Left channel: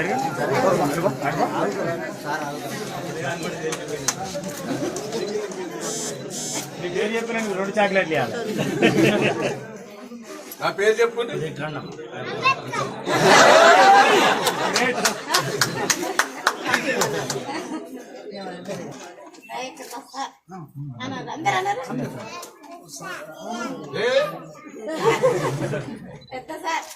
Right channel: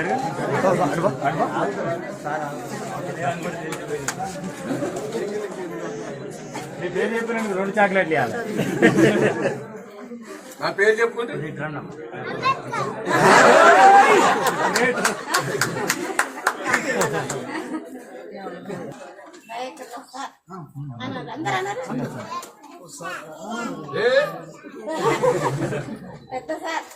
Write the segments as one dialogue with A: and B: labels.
A: ఏరా?
B: పేరు చెప్పిన రెండు చాక్లెట్లు ఇవ్వాలి
A: నా పేరు చెప్పుకుంది
C: అందరూ అన్నారు పెద్ద సార్.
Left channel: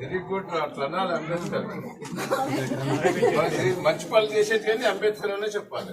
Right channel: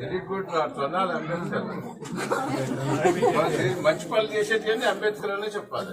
A: వెరీ గుడ్ రా అనాలి అంబేద్కర్. మంచి పనులు చేసేది కానీ అంబేద్కర్ అనే చెప్పాలి.